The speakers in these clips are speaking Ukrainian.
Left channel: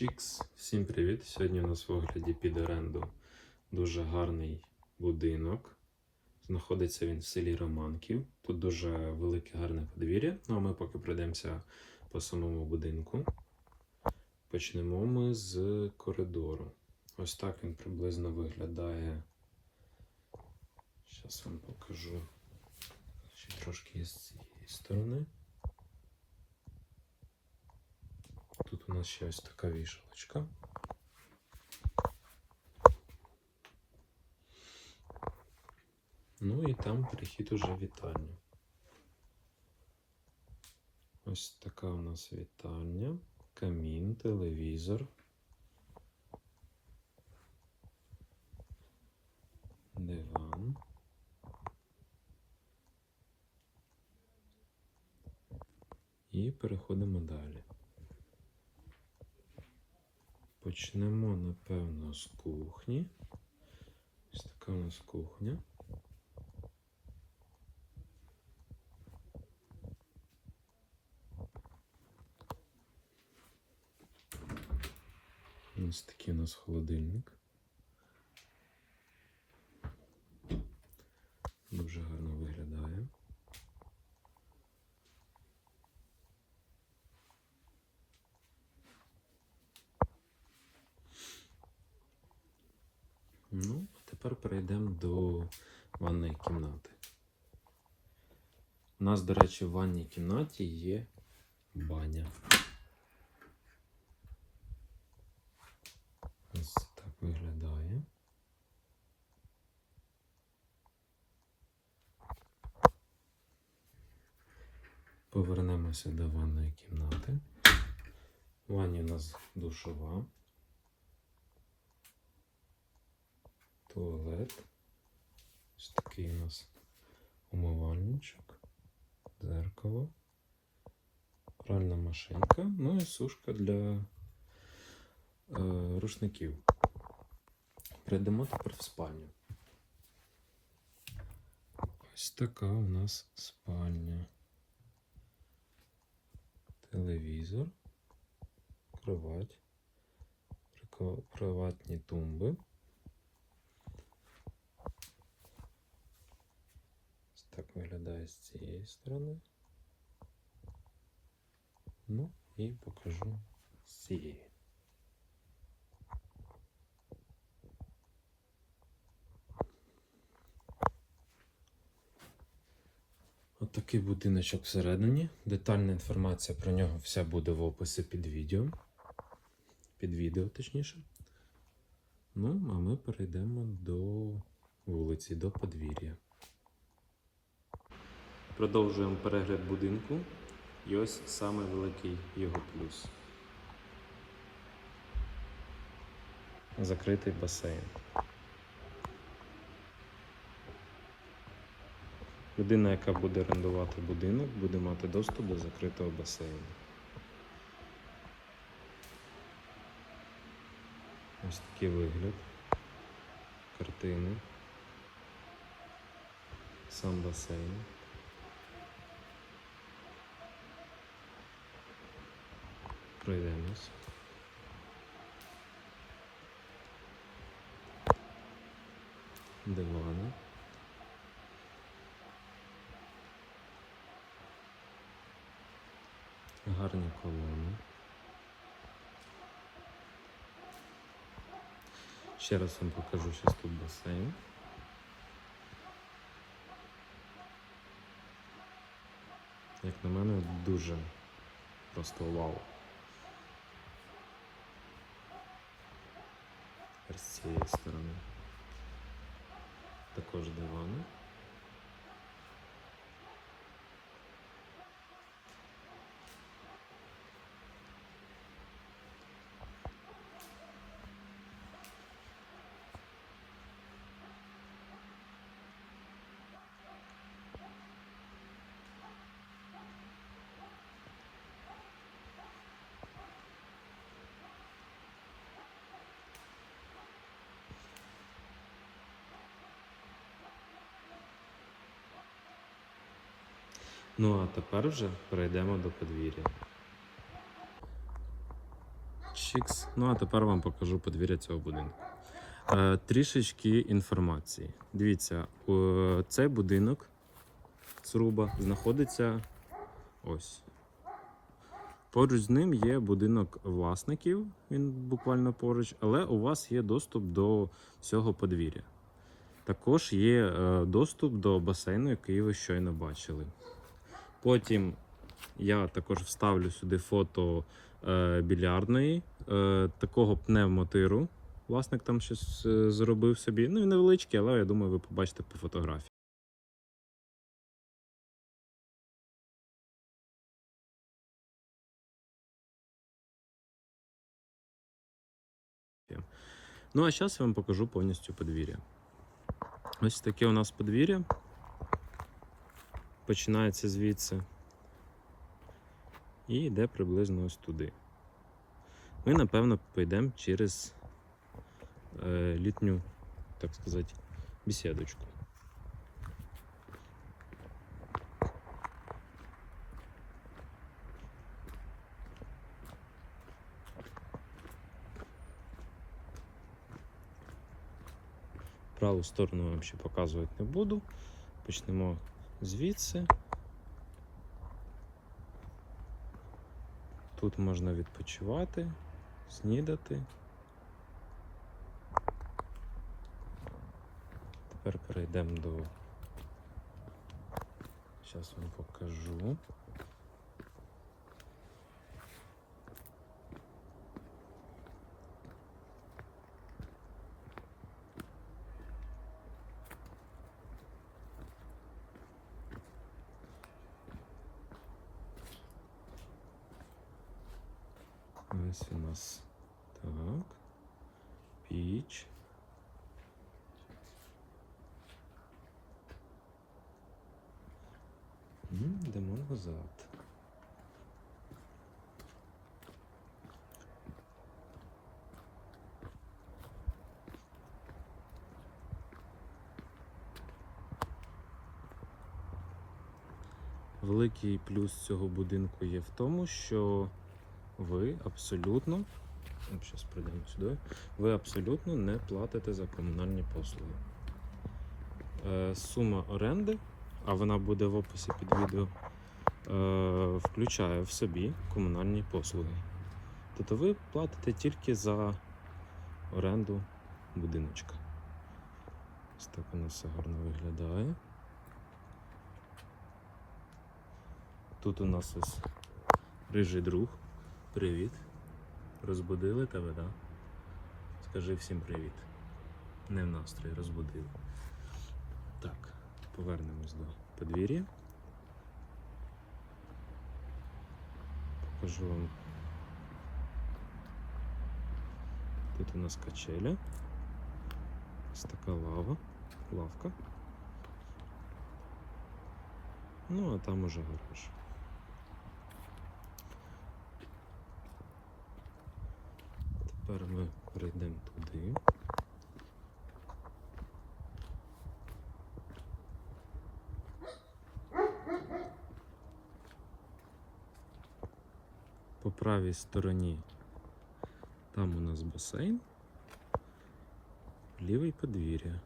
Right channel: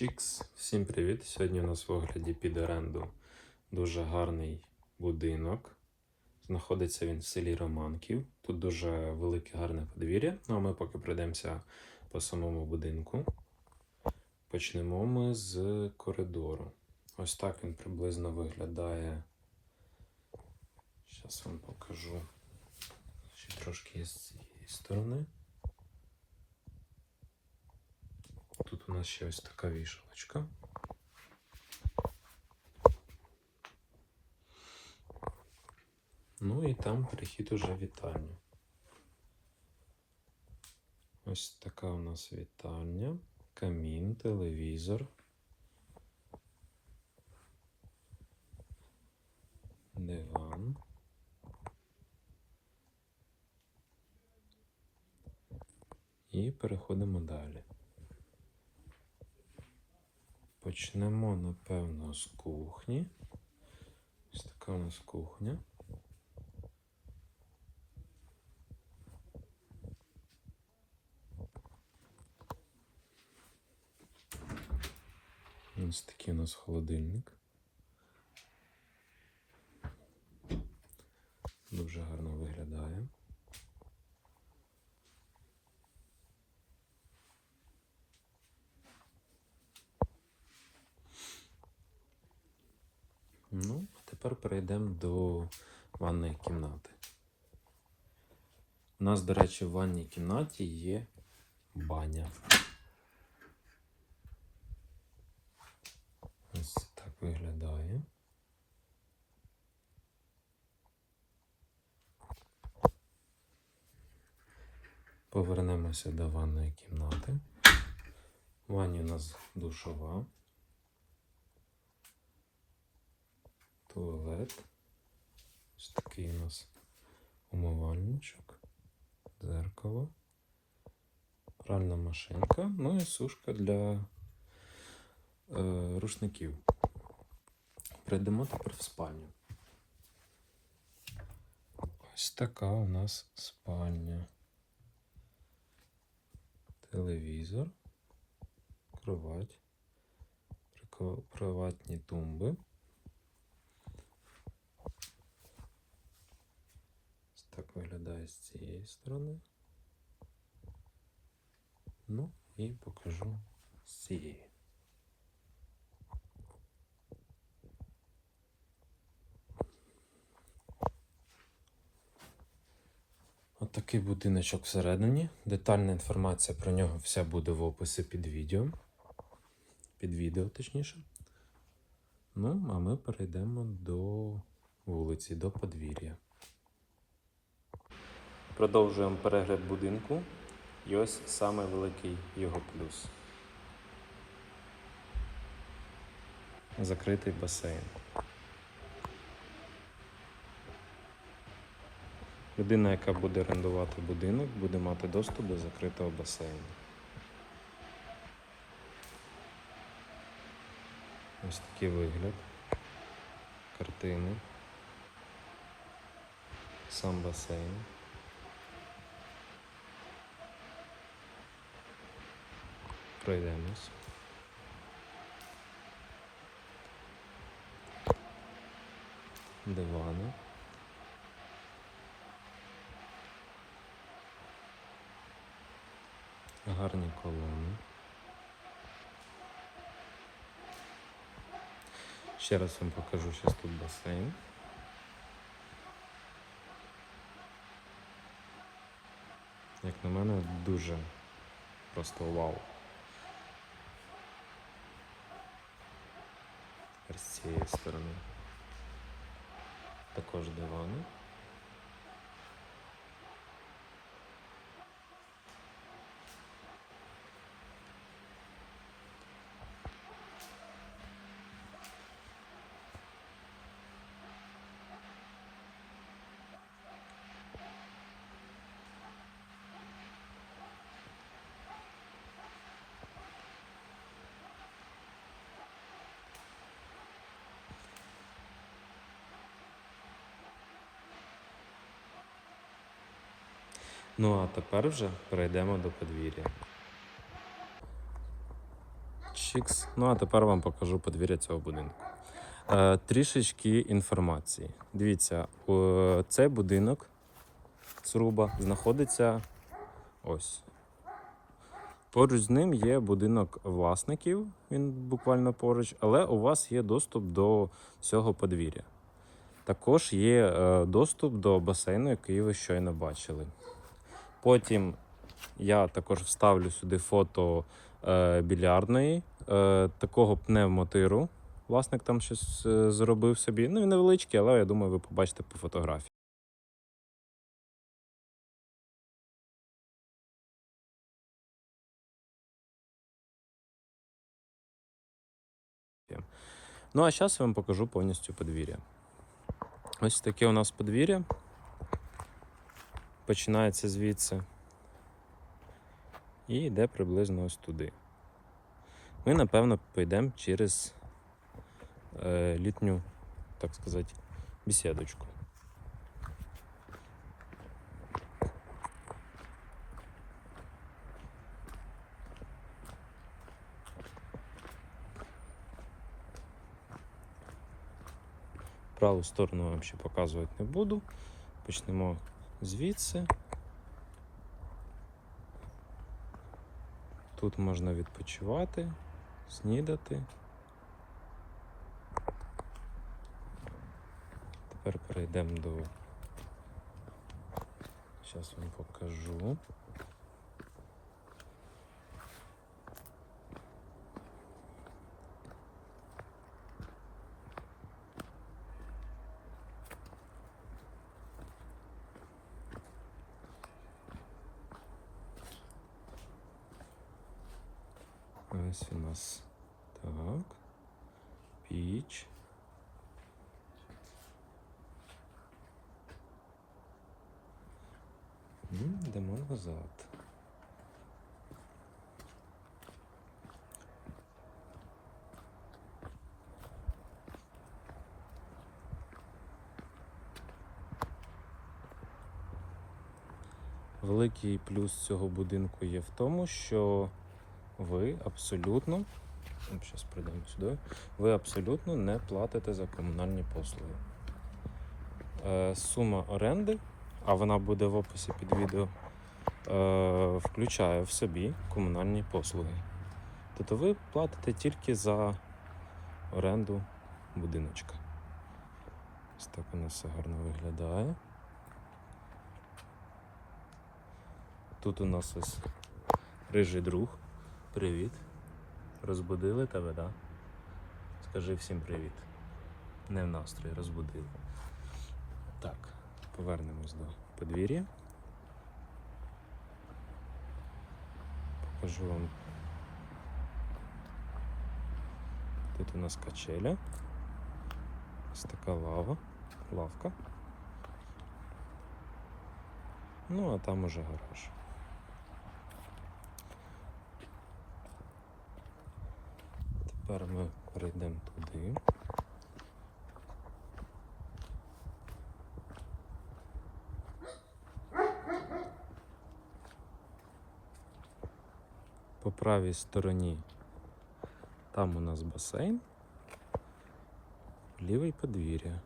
Чікс, всім привіт! Сьогодні у нас в огляді під оренду дуже гарний будинок. Знаходиться він в селі Романків. Тут дуже велике гарне подвір'я. Ну а ми поки пройдемося по самому будинку. Почнемо ми з коридору. Ось так він приблизно виглядає. Зараз вам покажу. Ще трошки з цієї сторони. Тут у нас ще ось така вішалочка. Ну і там перехід уже в вітальню. Ось така у нас вітальня, камін, телевізор. Диван. І переходимо далі. Почнемо, напевно, з кухні. Ось така у нас кухня. Ось такий у нас холодильник. Дуже гарно виглядає. Ну, тепер перейдемо до ванної кімнати. У нас, до речі, в ванній кімнаті є баня. Ось так виглядає. Повернемося до ванної кімнати. В ванні у нас душова. Туалет. Ось такий у нас умивальничок, дзеркало, пральна машинка, ну і сушка для е, рушників. Прийдемо тепер в спальню. Ось така у нас спальня. Телевізор, кровать, кроватні тумби. Ось Так виглядає з цієї сторони. Ну і покажу з цієї. От будиночок всередині. Детальна інформація про нього вся буде в описі під відео. Під відео, точніше. Ну, а ми перейдемо до вулиці, до подвір'я. Продовжуємо перегляд будинку. І ось саме великий його плюс. Закритий басейн. Людина, яка буде орендувати будинок, буде мати доступ до закритого басейну. Ось такий вигляд. Картини. Сам басейн. Пройдемось. Дивани. Гарні колони. Ще раз вам покажу, що тут басейн. Як на мене, дуже просто вау. Тепер з цієї сторони. Також дивани. Ну а тепер вже перейдемо до подвір'я. Чікс. Ну а тепер вам покажу подвір'я цього будинку. Е, трішечки інформації. Дивіться, е, цей будинок Цруба знаходиться ось. Поруч з ним є будинок власників, він буквально поруч, але у вас є доступ до всього подвір'я. Також є е, доступ до басейну, який ви щойно бачили. Потім я також вставлю сюди фото е, більярдної, е, такого пневмотиру. Власник там щось е, зробив собі. Ну, він невеличкий, але я думаю, ви побачите по фотографії. Ну, а зараз я вам покажу повністю подвір'я. Ось таке у нас подвір'я. Починається звідси і йде приблизно ось туди. Ми, напевно, підемо через е, літню, так сказати, бесідочку. Праву сторону вам ще показувати не буду. Почнемо звідси. Тут можна відпочивати, снідати. Тепер перейдемо до. Зараз вам покажу. Ось у нас так. Піч. Йдемо назад. Великий плюс цього будинку є в тому, що ви абсолютно, зараз прийдемо сюди, ви абсолютно не платите за комунальні послуги. Е, сума оренди, а вона буде в описі під відео, е, включає в собі комунальні послуги. Тобто ви платите тільки за оренду будиночка. Ось так воно все гарно виглядає. Тут у нас ось рижий друг. Привіт. Розбудили тебе? Да? Скажи всім привіт. Не в настрої, розбудили. Так, повернемось до подвір'я. Покажу вам. Тут у нас качеля. Ось така лава, лавка. Ну, а там уже гараж. Тепер ми перейдемо туди. По правій стороні там у нас басейн, лівий подвір'я.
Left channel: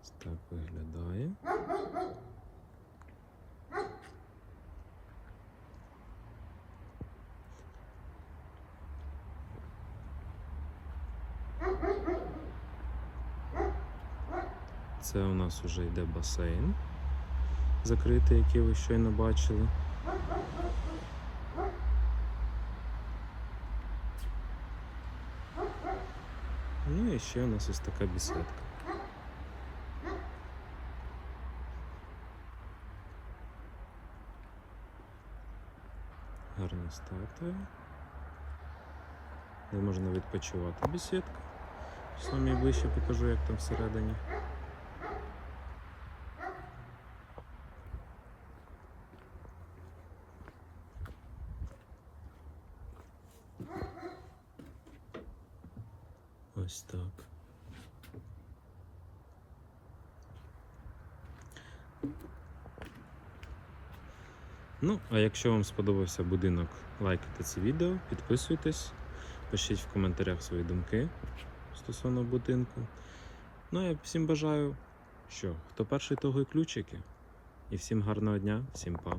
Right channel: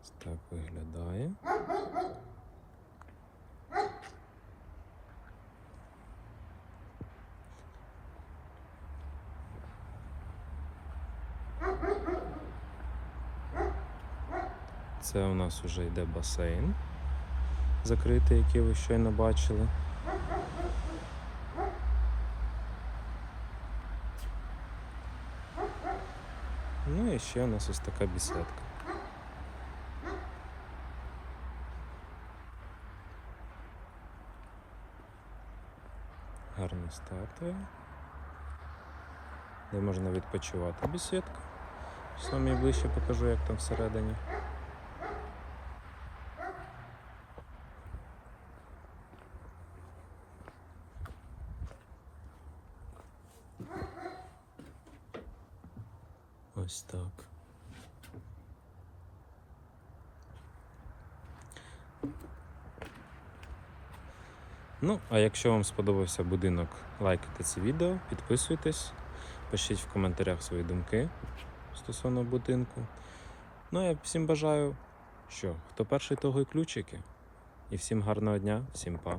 Ось так виглядає. Це у нас вже йде басейн закритий, який ви щойно бачили. Ну і ще у нас ось така беседка. Гарні статуї. Де можна відпочивати бесідка. Саме ближче покажу, як там всередині. Ось так. Ну, а якщо вам сподобався будинок, лайкайте це відео, підписуйтесь, пишіть в коментарях свої думки стосовно будинку. Ну, я всім бажаю, що хто перший, того і ключики. І всім гарного дня, всім па.